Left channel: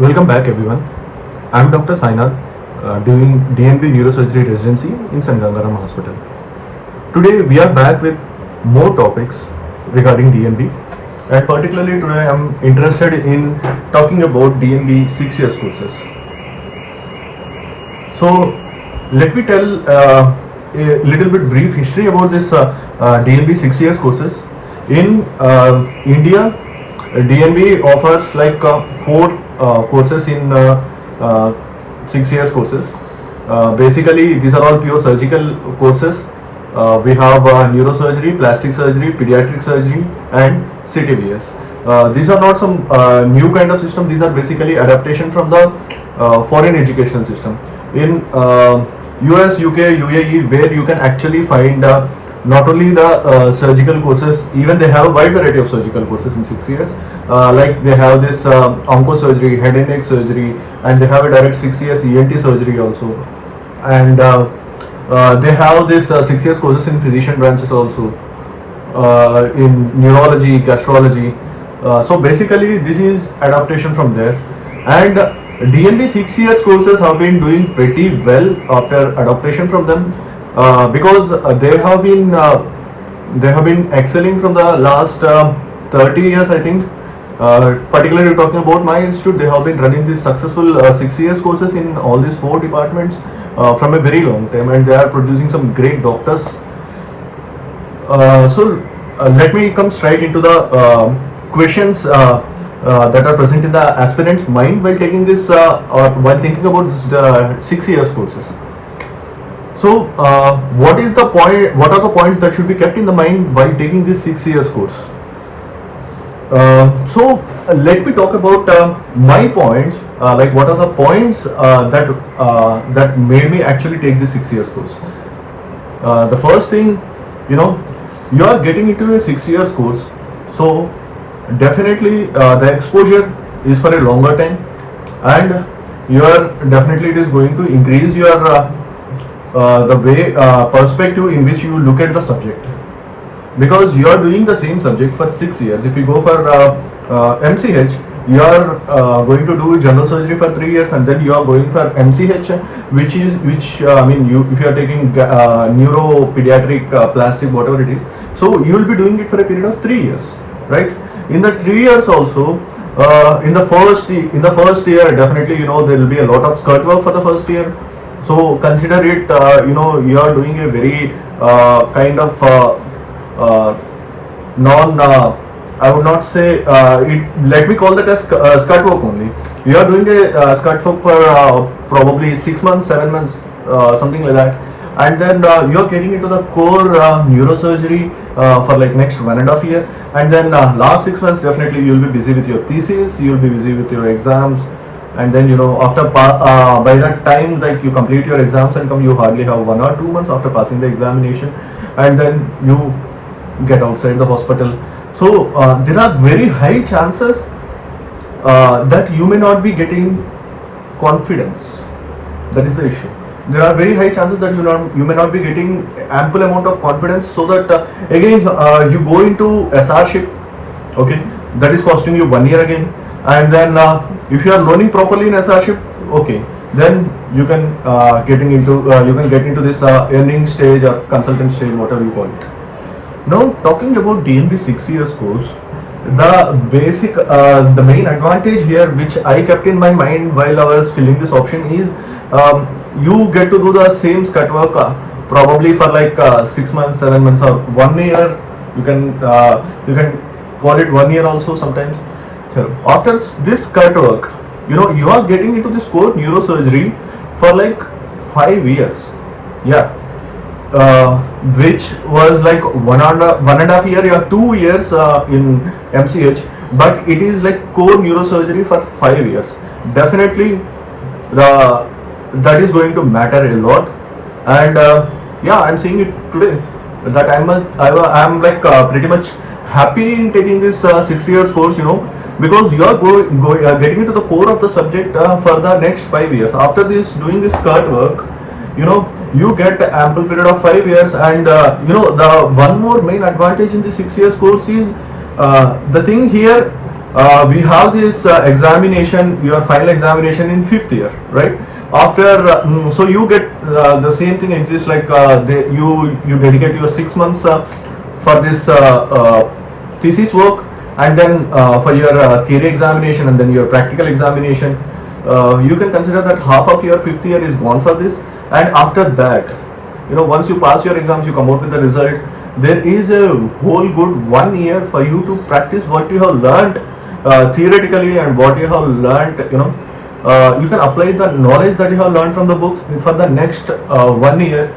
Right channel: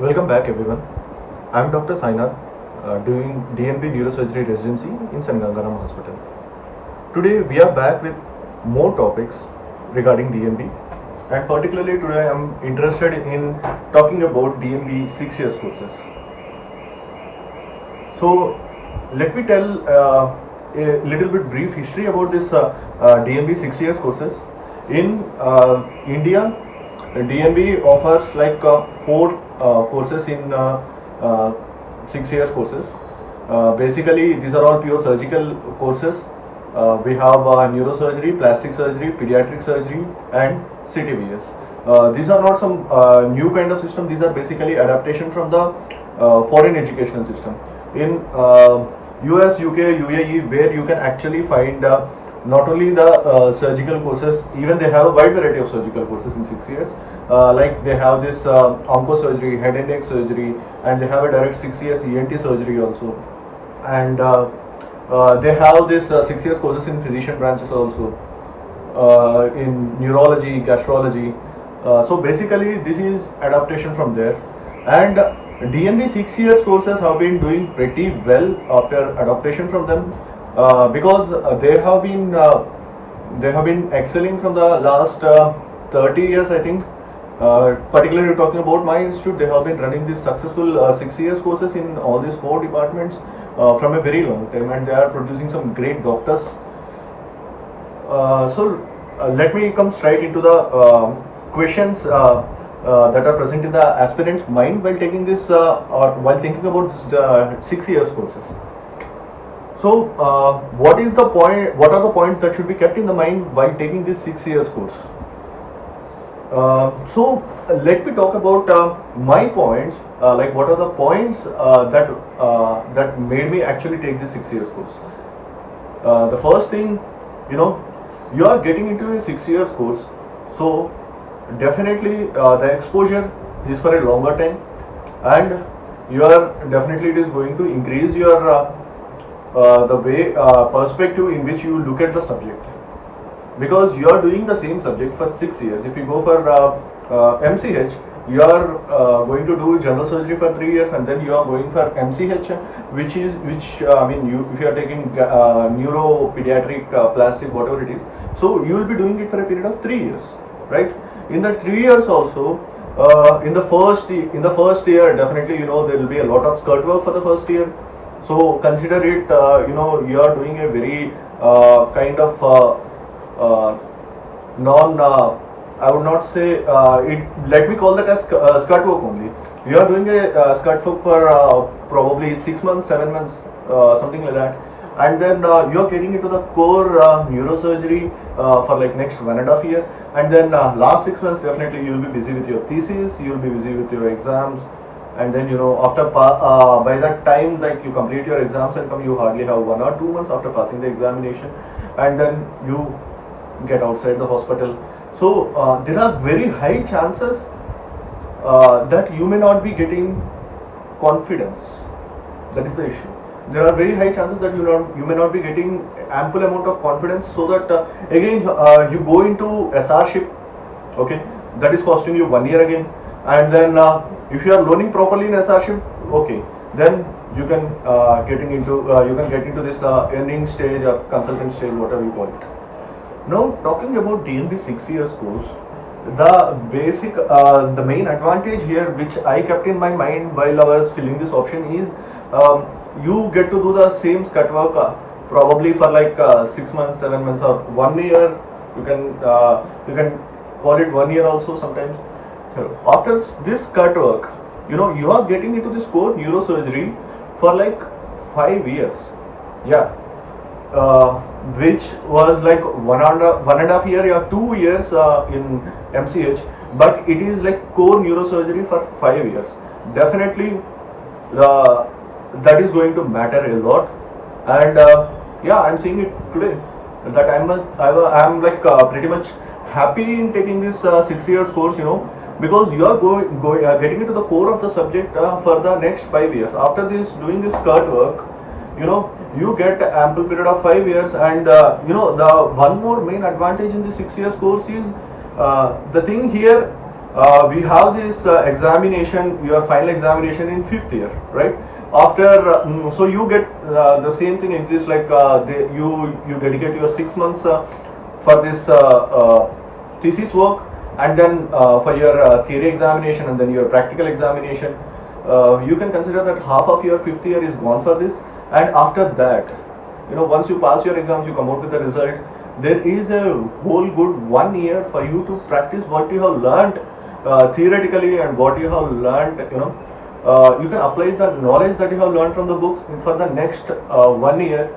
Welcome back everyone. I'm Dr. Sainadh, doing DNB neurosurgery residency in SirGangaRamhospital. Today we are back with more topics regarding DNB, and particularly today I'm interested in talking about DNB 6 years courses. So let me tell a little bit brief history about this DNB 6 years courses. In India, DNB offers like four courses in 6 years courses. Basically, these are all pure surgical courses. We have neurosurgery, plastic surgery, pediatric surgery, and CTVS. These are not some new kind of system. These are basically adaptation from the foreign educational system. In US, UK, UAE, where you can actually find not only the surgical courses, even they have a wide variety of surgical courses in 6 years. Like they have this onco surgery, head and neck surgery, and they have a direct 6 years ENT surgery also. And they have this 6 years courses in physician branches also, in neurology, gastrology. So basically, this is adaptation from there. And DNB 6 years courses have been doing pretty well after adaptation from them, because they have been excelling from the last 30 years, I think. Particularly talking about my institute, they have been running these successful 6 years courses in all these four departments from a very long time, and they are producing some great doctors. So let me come straight into the questions that are present in the aspirant's mind while taking this or while thinking about this 6 years courses. So what are the points that should be kept in the mind while taking this 6 years course? Let me talk about my points, like what are the points that made me actually take this 6 years course. The first thing, you are getting into a 6 years course, so definitely the exposure is for a longer time, and it is going to increase your the way perspective in which you look at the subject, because you are doing the same subject for 6 years. If you go for MCH, you are going to do general surgery for 3 years, and then you are going for MCH, which if you are taking neuro, pediatric, plastic, whatever it is, so you will be doing it for a period of 3 years, right? In that 3 years also, in the first year, definitely there will be a lot of skirt work for the first year. So consider it, you are doing a very kind of I would not say let me call that as skirt work only. You are doing a skirt work for probably 6 months, 7 months, something like that, and then you are getting into the core neurosurgery for like next 1.5 years, and then last 6 months definitely you will be busy with your thesis, you will be busy with your exams, and then after by that time, like you complete your exams and come, you hardly have 1 or 2 months after passing the examination, and then you get outside the hospital. So there are very high chances that you may not be getting confidence. That is the issue. There are very high chances that you may not be getting ample amount of confidence, so that again you go into SRship, okay, that is costing you 1 year again, and then if you are learning properly in SRship, okay, then you can get into this earning stage or consultant stage, whatever you call it. Now talking about DNB 6 years course, the main advantage here which I kept in my mind while I was filling this option is you get to do the same skirt work probably for like 6 months, 7 months, or 1 year. You can call it 1 year also sometimes. So after this skirt work, you are getting into this core neurosurgery for like 5 years. Yeah. Which was like 1.5 year or 2 years in MCH, but it is like core neurosurgery for 5 years. Definitely, that is going to matter a lot, and yeah, I'm seeing it today that I'm like pretty much happy in taking this 6 years course, because you are getting into the core of the subject for the next 5 years. After doing this skirt work, you get ample period of 5 years, and the one more main advantage in the 6 years course is the thing here we have this examination, your final examination in 5th year, right? After, so you get the same thing exists like you dedicate your 6 months for this thesis work, and then for your theory examination and then your practical examination. You can consider that half of your 5th year is gone for this, and after that, once you pass your exams, you come out with the result. There is a whole good 1 year for you to practice what you have learned theoretically, and what you have learned. You can apply the knowledge that you have learned from the books for the next 1 year,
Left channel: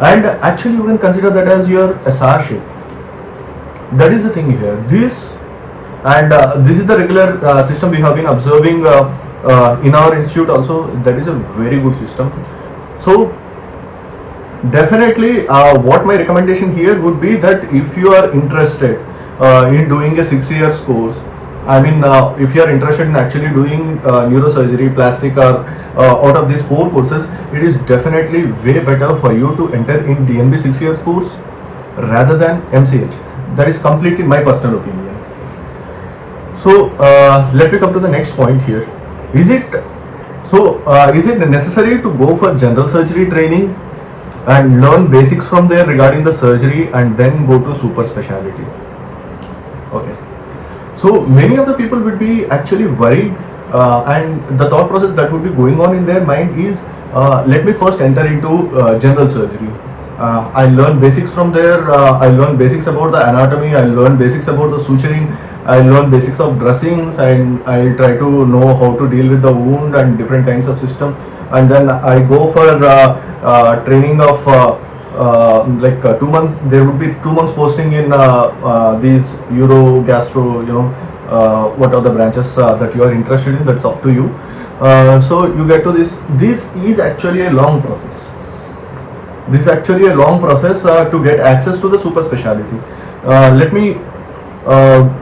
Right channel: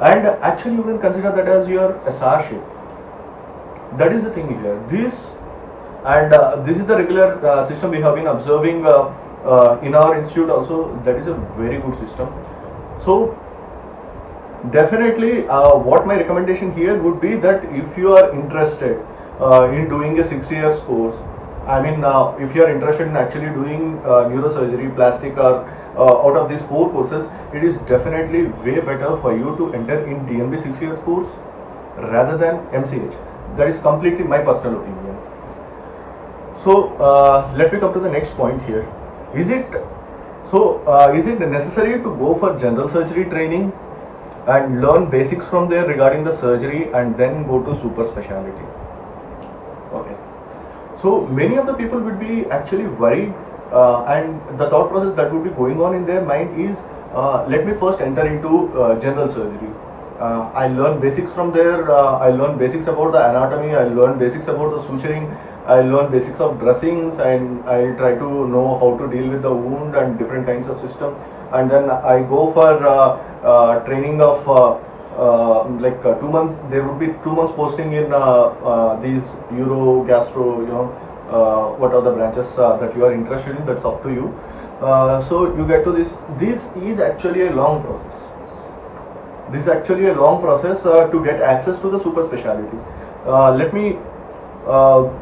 and actually you can consider that as your SR-ship. That is the thing here. This is the regular system we have been observing in our institute also. That is a very good system. So definitely, what my recommendation here would be that if you are interested in doing a 6 year course, I mean, if you are interested in actually doing neurosurgery, plastic, or out of these 4 courses, it is definitely way better for you to enter in DNB 6 years course rather than MCH. That is completely my personal opinion. So let me come to the next point here. Is it necessary to go for general surgery training and learn basics from there regarding the surgery and then go to super specialty? Okay. So many of the people would be actually worried, and the thought process that would be going on in their mind is, let me first enter into general surgery. I learn basics from there. I learn basics about the anatomy. I learn basics about the suturing. I learn basics of dressings, and I try to know how to deal with the wound and different kinds of system. And then I go for training of 2 months. There would be 2 months posting in these Euro, Gastro, what are the branches that you are interested in. That's up to you. So you get to this. This is actually a long process. This is actually a long process to get access to the super specialty. Let me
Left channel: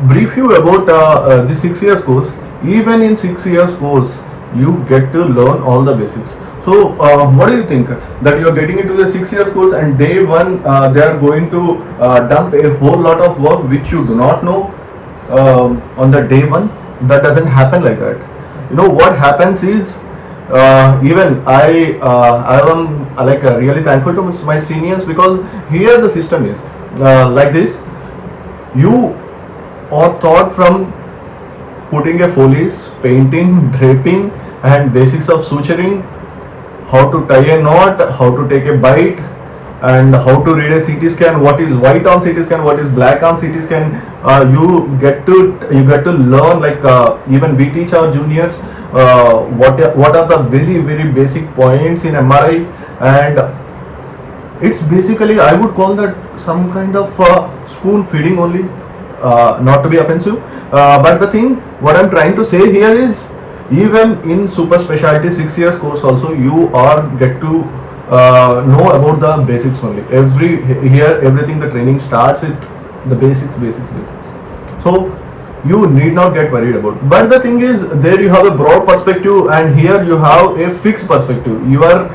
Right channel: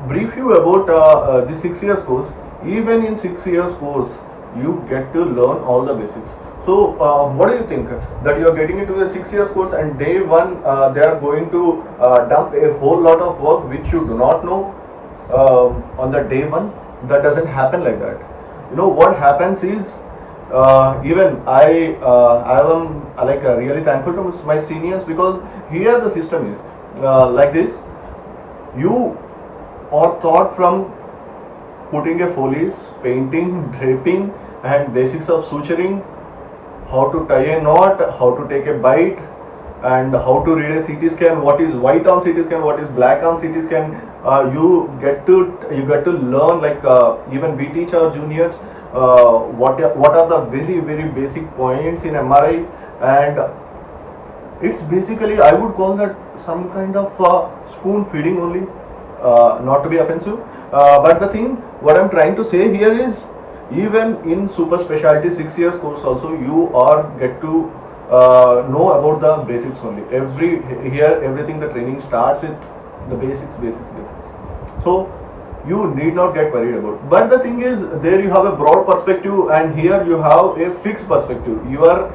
brief you about the 6 years course. Even in 6 years course, you get to learn all the basics. So what do you think? That you are getting into the 6 years course, and day one they are going to dump a whole lot of work which you do not know on the day one? That doesn't happen like that. What happens is, even I am really thankful to my seniors, because here the system is like this. You are taught from putting a foliage, painting, draping, and basics of suturing, how to tie a knot, how to take a bite, and how to read a CT scan, what is white on CT scan, what is black on CT scan. You get to learn, even we teach our juniors what are the very, very basic points in MRI, and it's basically, I would call that some kind of spoon feeding only, not to be offensive, but the thing what I'm trying to say here is, even in super specialty 6 years course also, you are get to know about the basics only. Everything, the training starts with the basics. So you need not get worried about. But the thing is, there you have a broad perspective, and here you have a fixed perspective. Your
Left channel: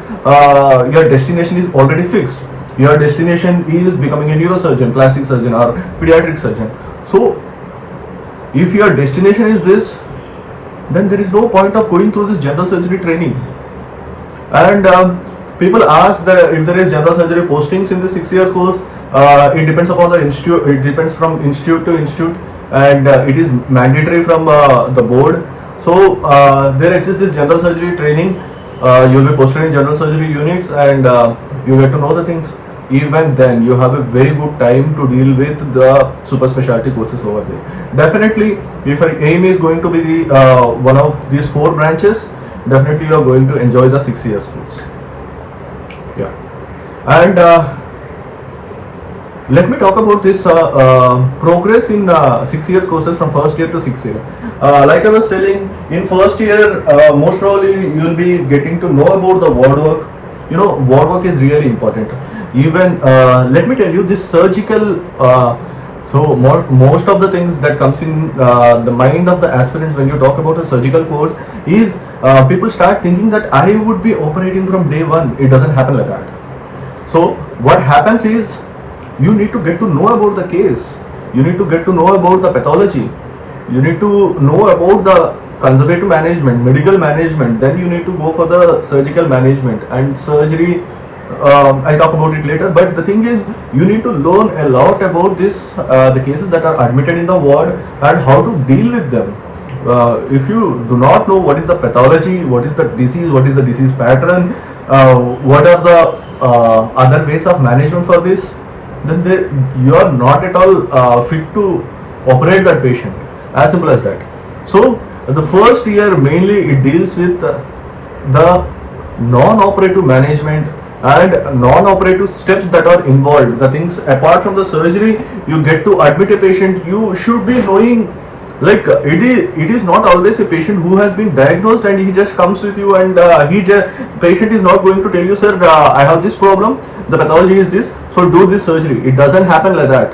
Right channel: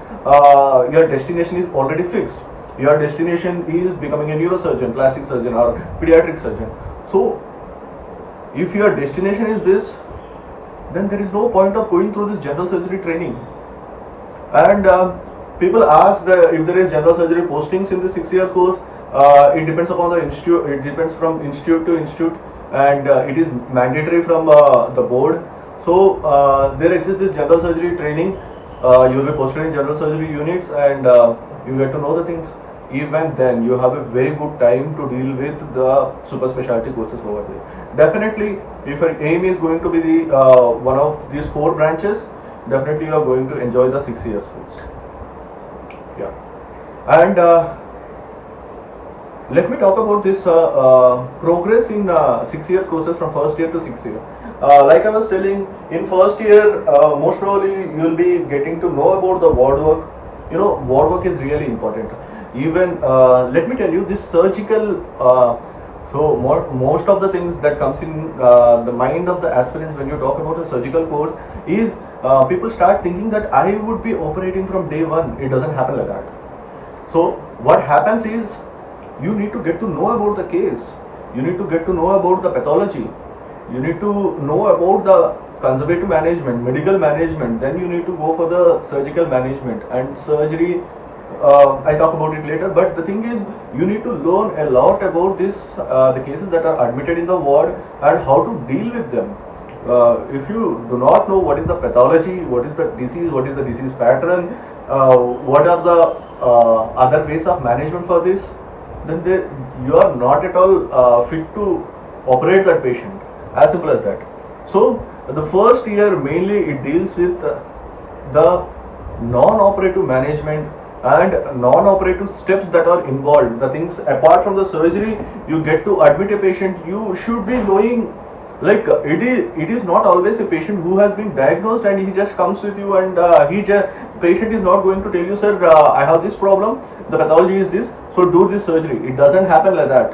destination is already fixed. Your destination is becoming a neurosurgeon, plastic surgeon, or pediatric surgeon. So if your destination is this, then there is no point of going through this general surgery training. And people ask that if there is general surgery postings in the 6 year course. It depends upon the institute. It depends from institute to institute, and it is mandatory from the board. So there exists this general surgery training. You will be posted in general surgery units, and you get to know the things. Even then, you have a very good time to deal with the super specialty courses over there. Definitely, if your aim is going to be one of these 4 branches, definitely you are going to enjoy the 6 years course. Yeah, and let me talk about this progress in 6 years courses from first year to 6th year. Like I was telling, in first year, most probably you will be getting to know about the ward work. Ward work is really important. Even let me tell you, this surgical. Most of the things that comes in the mind of the aspirants when you talk about a surgical course is, people start thinking that I would be operating from day one. It doesn't happen like that. So what happens is, you need to get to know about the case. You need to get to know about the pathology. You need to know about the conservative management, medical management, then you need to go for the surgical management and surgery. I'll talk about it later, but the thing is, you need to learn a lot about this, the cases that are admitted in the ward and how to deal with them. If you do not know what is the pathology, what is the disease, what is the disease pattern, what are the other ways of management for this, then you are not at all fit to operate that patient. As simple as that. So the first year mainly it deals with the non-operative management and non-operative steps that are involved. The things apart from the surgery, you get to admit a patient, you should be knowing, like it is not always a patient who has been diagnosed and he just comes with you and patient is not going to tell you, sir, I have this problem, the pathology is this, so do this surgery. It doesn't happen like that.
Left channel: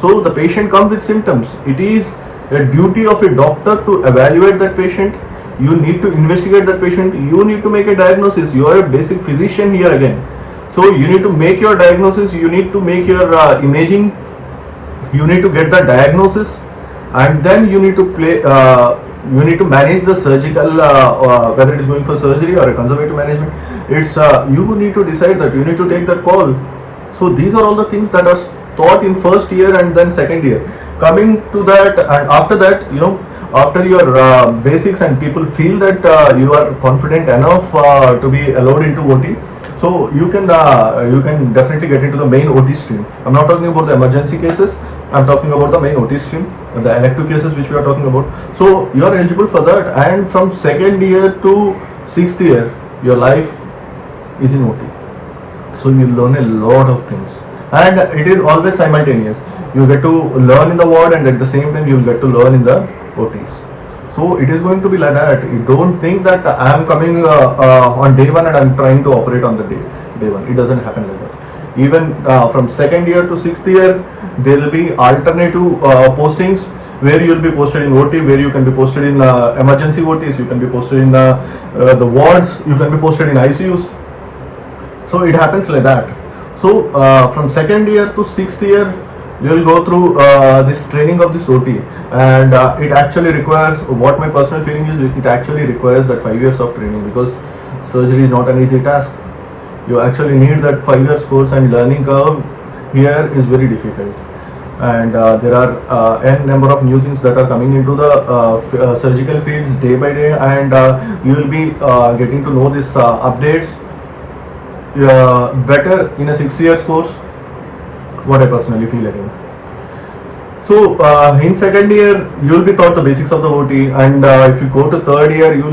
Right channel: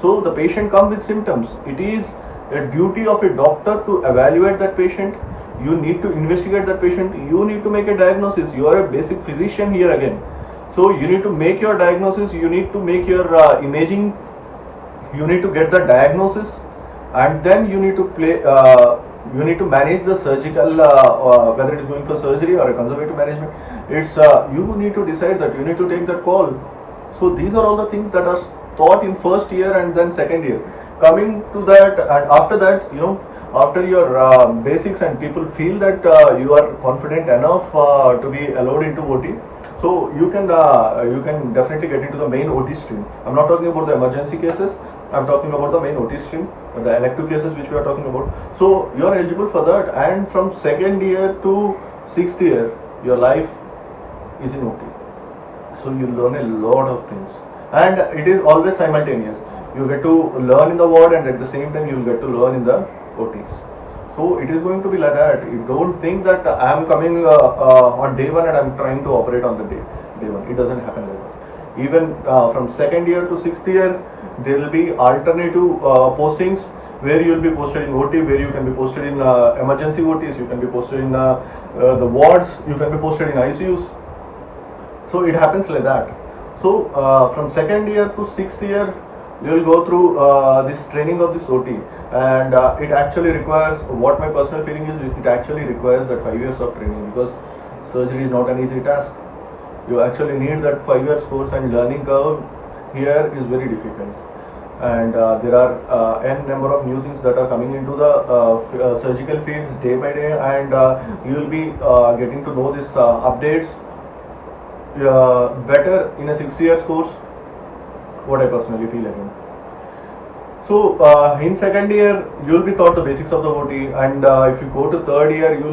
So the patient comes with symptoms. It is a duty of a doctor to evaluate that patient. You need to investigate that patient. You need to make a diagnosis. You are a basic physician here again. So you need to make your diagnosis. You need to make your imaging. You need to get the diagnosis, and then you need to you need to manage the surgical, whether it is going for surgery or a conservative management. It's you need to decide that. You need to take that call. So these are all the things that are taught in first year and then second year. Coming to that, and after that, after your basics and people feel that you are confident enough to be allowed into OT, so you can definitely get into the main OT stream. I'm not talking about the emergency cases. I'm talking about the main OT stream, the elective cases which we are talking about. So you are eligible for that, and from second year to sixth year, your life is in OT. So you learn a lot of things, and it is always simultaneous. You get to learn in the ward, and at the same time you will get to learn in the OTs. So it is going to be like that. You don't think that I am coming on day one and I am trying to operate on the day one. It doesn't happen like that. Even from second year to sixth year, there will be alternative postings where you will be posted in OT, where you can be posted in emergency OTs, you can be posted in the wards, you can be posted in ICUs. So it happens like that. So from second year to sixth year, you will go through this training of this OT, and it actually requires, what my personal feeling is, it actually requires that 5 years of training, because surgery is not an easy task. You actually need that 5 years course, and learning curve here is very difficult. And there are n number of new things that are coming into the surgical fields day by day, and you will be getting to know this updates better in a 6 years course, what I personally feel again. So in second year you will be taught the basics of the OT, and if you go to third year, you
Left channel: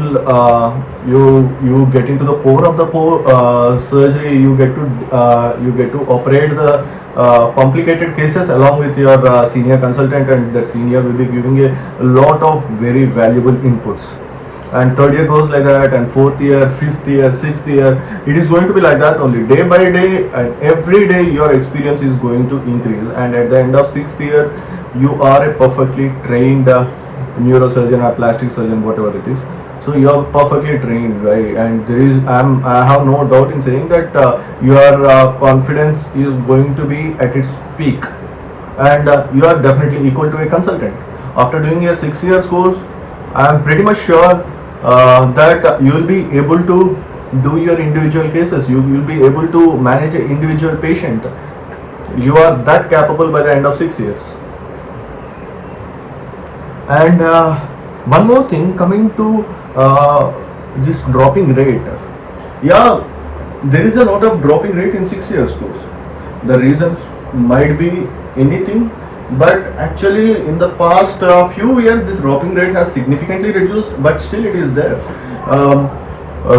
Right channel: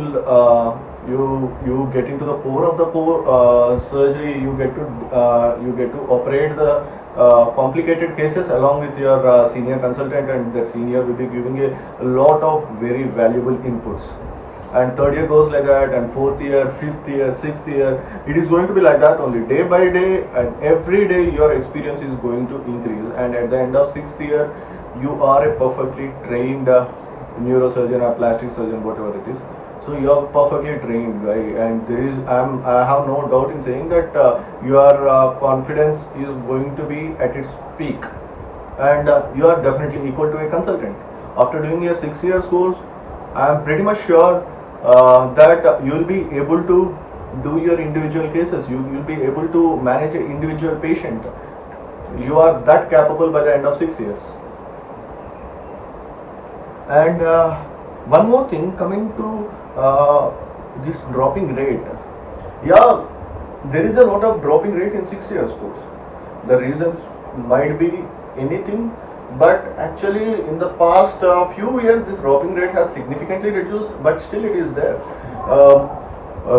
get into the core of the core surgery. You get to operate the complicated cases along with your senior consultant, and that senior will be giving a lot of very valuable inputs. And third year goes like that, and fourth year, fifth year, sixth year, it is going to be like that only, day by day, and every day your experience is going to increase, and at the end of sixth year you are a perfectly trained neurosurgeon or plastic surgeon, whatever it is. So you are perfectly trained guy, and I have no doubt in saying that your confidence is going to be at its peak, and you are definitely equal to a consultant. After doing a 6 years course, I am pretty much sure that you will be able to do your individual cases. You will be able to manage an individual patient. You are that capable by the end of 6 years. And one more thing, coming to this dropping rate. Yeah, there is a lot of dropping rate in 6 years course. The reasons might be anything, but actually in the past few years this dropping rate has significantly reduced, but still it is there.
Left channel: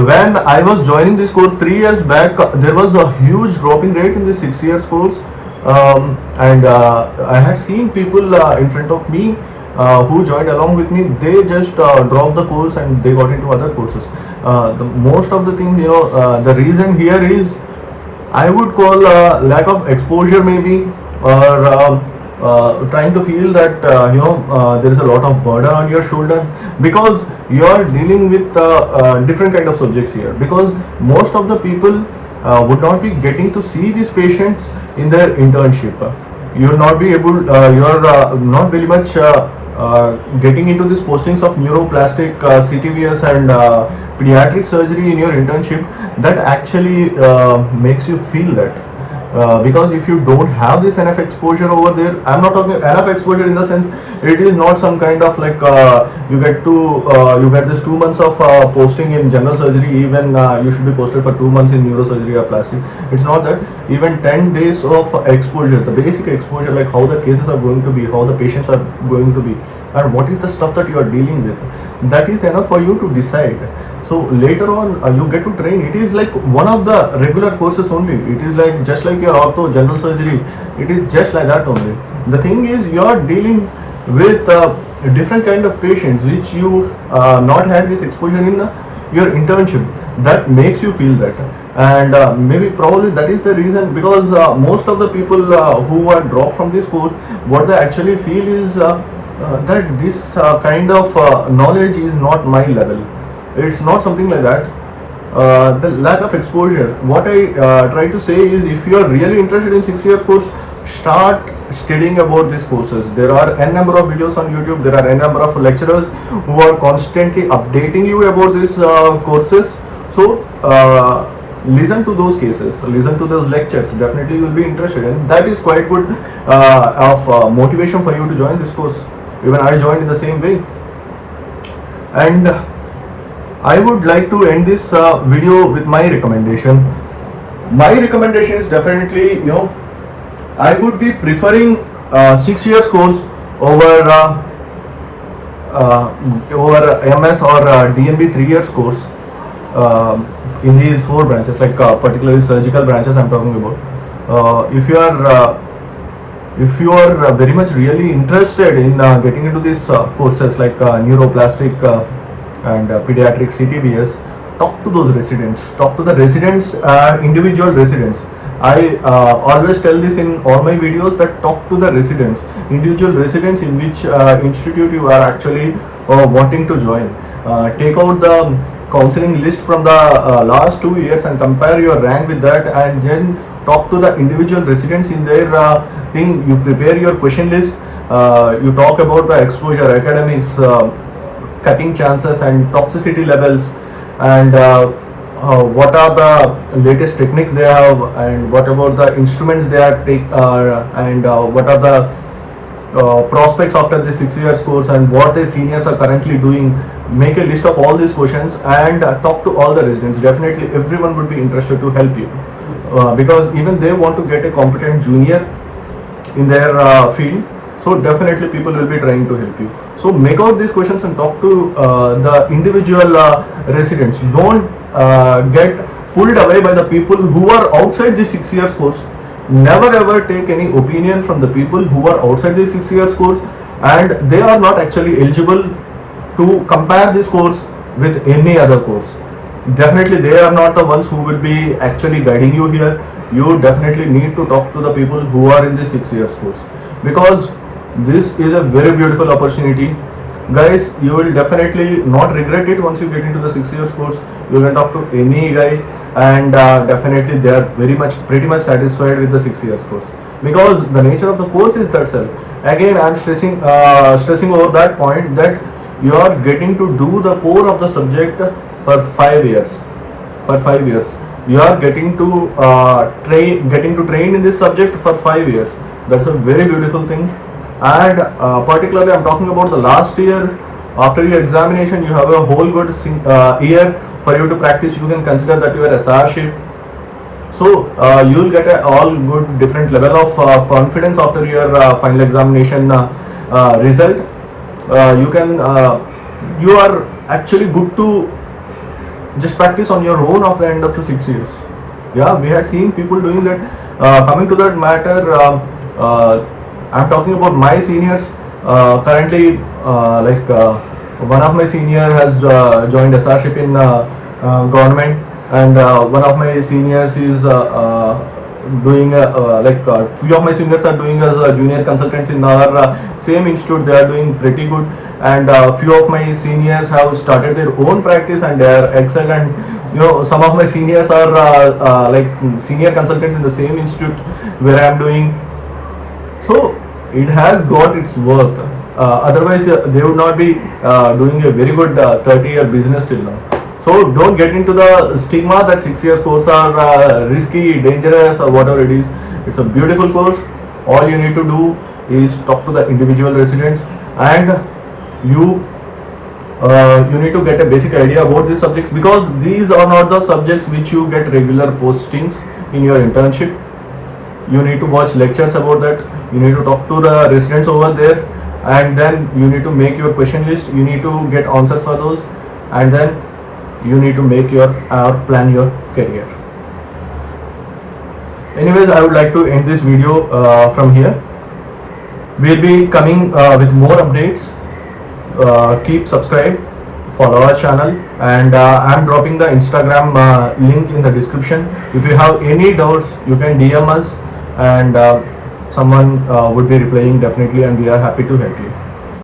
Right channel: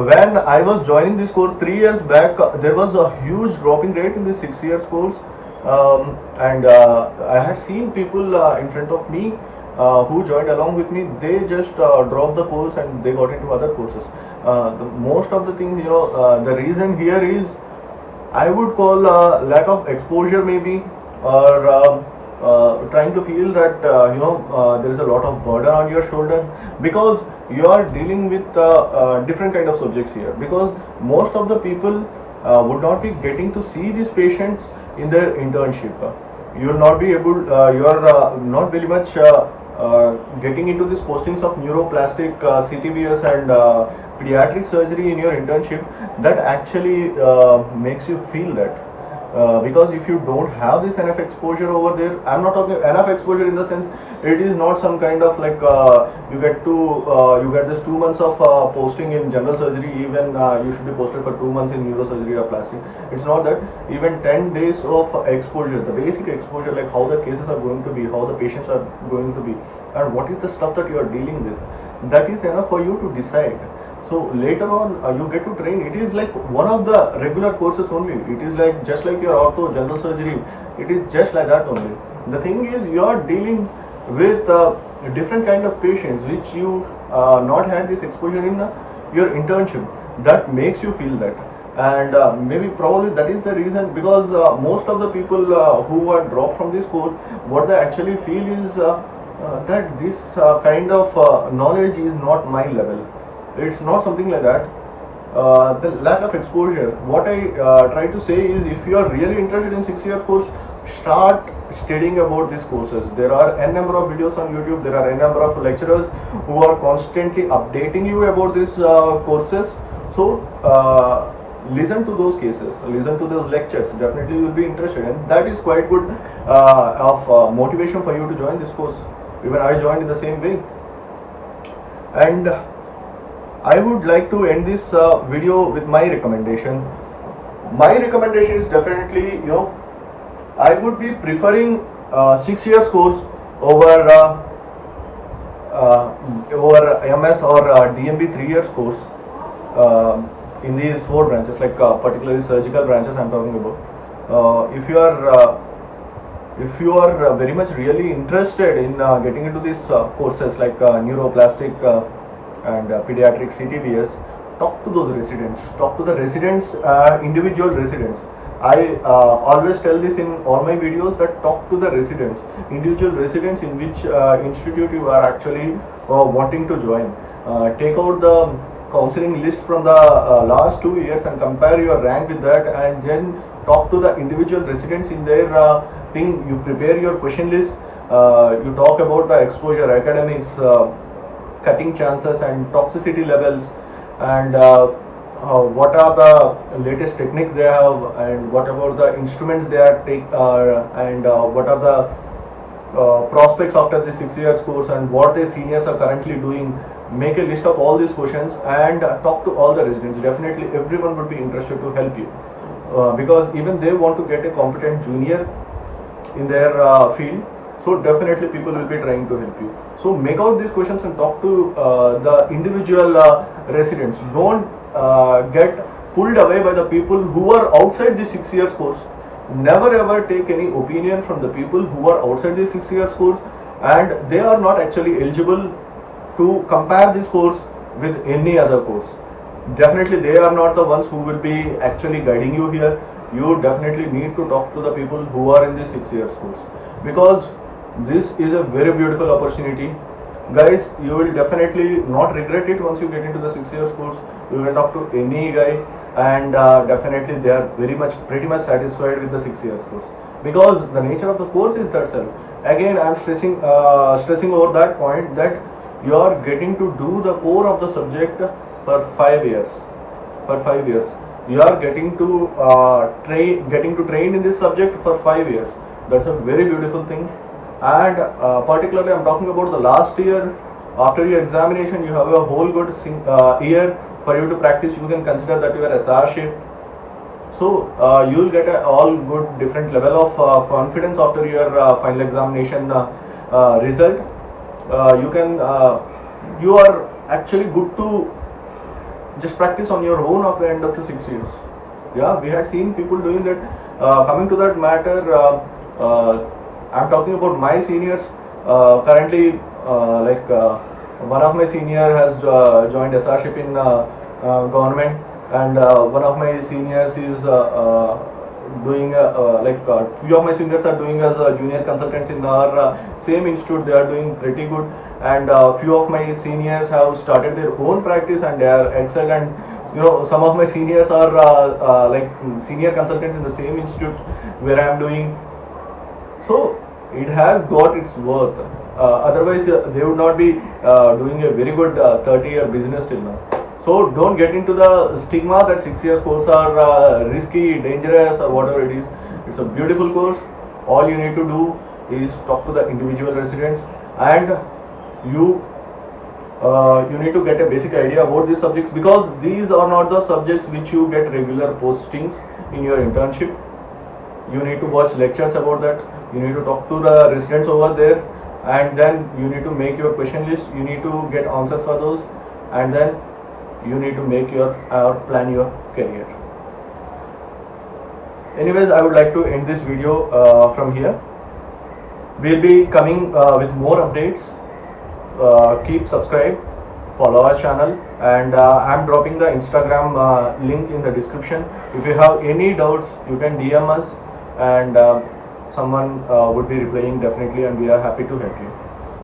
When I was joining this course 3 years back, there was a huge dropping rate in the 6 years course, and I had seen people in front of me who joined along with me. They just dropped the course and they got into other courses. The most of the things, the reason here is, I would call lack of exposure maybe, or trying to feel that there is a lot of burden on your shoulders, because you are dealing with different kind of subjects here, because most of the people would not be getting to see these patients in their internship. You will not be able, you are not very much getting into these postings of neuroplastic, CTVS and pediatric surgery in your internship, that actually makes you feel that. Because if you don't have this enough exposure over there, I'm not talking enough exposure in the sense it is not some kind of like you get this 2 months of posting in general surgery, even you should be posted for 2 months in neurosurgery or plastic. It's not that. Even 10 days of exposure, the basic exposure, like how the cases are going to be, how the patients are going to be, and what is the stuff that you are dealing with, that is enough for you to decide. So later on you get to train. It is like one of the regular courses only. It is like just like your ortho, general surgery, it is just like that only. The thing is, you are dealing with different kind of patients which you not had this exposure in your internship. That makes you feel that. And maybe probably that is the reason, because most of the people who are dropped from this course, what they actually feel is that this kind of knowledge is not my level. It's not something like that. The lack of exposure. What I try to say is, if you are really interested in 6 years course, start studying about these courses. There are n number of videos on YouTube. There are n number of lecturers who are constantly updating you about these courses. So listen to those cases, listen to those lectures. Definitely you will be interested, and that is quite good of motivation for you to join this course. Even I joined in the same way. And I would like to end this video with my recommendation. My recommendation is definitely, I would be preferring 6 years course over MS or DNB 3 years course in these 4 branches, like particularly surgical branches I'm talking about. If you are very much really interested in getting into these courses like neuroplastic and pediatric CTVS, talk to those residents, talk to the residents, individual residents. I always tell this in all my videos, that talk to the residents, individual residents in which institute you are actually wanting to join. Take out the counseling list from the last 2 years and compare your rank with that, and then talk to the individual residents in their thing. You prepare your question list, you talk about the exposure, academics, cutting chances and toxicity levels, and what are the latest techniques they have, and what about the instruments they are and what are the prospects after the 6 years course, and what the seniors are currently doing. Make a list of all these questions and talk to all the residents. Definitely everyone would be interested to help you, because even they want to get a competent junior in their field. So definitely people will be trying to help you. So make out these questions and talk to the individual residents. Don't get pulled away by the people who are outside the 6 years course. Never ever take any opinion from the people who are outside the 6 years course, and they are not actually eligible to compare this course with any other course. Definitely they are not the ones who will be actually guiding you here. You definitely need to talk to the people who are in the 6 years course, because this is a very beautiful opportunity. Guys, you will definitely not regret it once you get into the 6 years course. You can talk to any guy, and definitely they are pretty much satisfied with the 6 years course, because the nature of the course is that, sir. Again, I am stressing over that point, that you are getting to do the core of the subject for 5 years. For 5 years, you are getting to train in this subject for 5 years. That's a very beautiful thing. And particularly I'm talking about the last year. After your examination, you have a whole good year for you to practice. You can consider that your SR-ship. So you will get a all good different level of confidence after your final examination result. You are actually good to just practice on your own after the end of the 6 years. Yeah, we had seen people doing that. Coming to that matter, I'm talking about my seniors. Currently, one of my senior has joined SR-ship in government, and one of my seniors is doing few of my seniors are doing as junior consultants in our same institute. They are doing pretty good, and few of my seniors have started their own practice and they are excellent. Some of my seniors are senior consultants in the same institute where I am doing. So it has got its worth. otherwise they would not be doing a very good 30-year business till now. So don't get into the stigma that 6 years course are risky, dangerous, or whatever it is. It's a beautiful course. All you need to do is talk to the individual residents, and you need to get a basic idea about these subjects, because these are not the subjects which you get regular postings in your internship. You need to watch lectures about that. You need to talk to the residents over there, and then you need to make your question list. You need to get answers for those, and then you need to make your or plan your career. Anyways, I would like to end this video from here. We'll be coming with more updates. Keep subscribed, follow our channel, and I'm dropping the Instagram link in the description. If you have any doubts, you can DM us, and someone would be replying definitely, and we are happy to help you.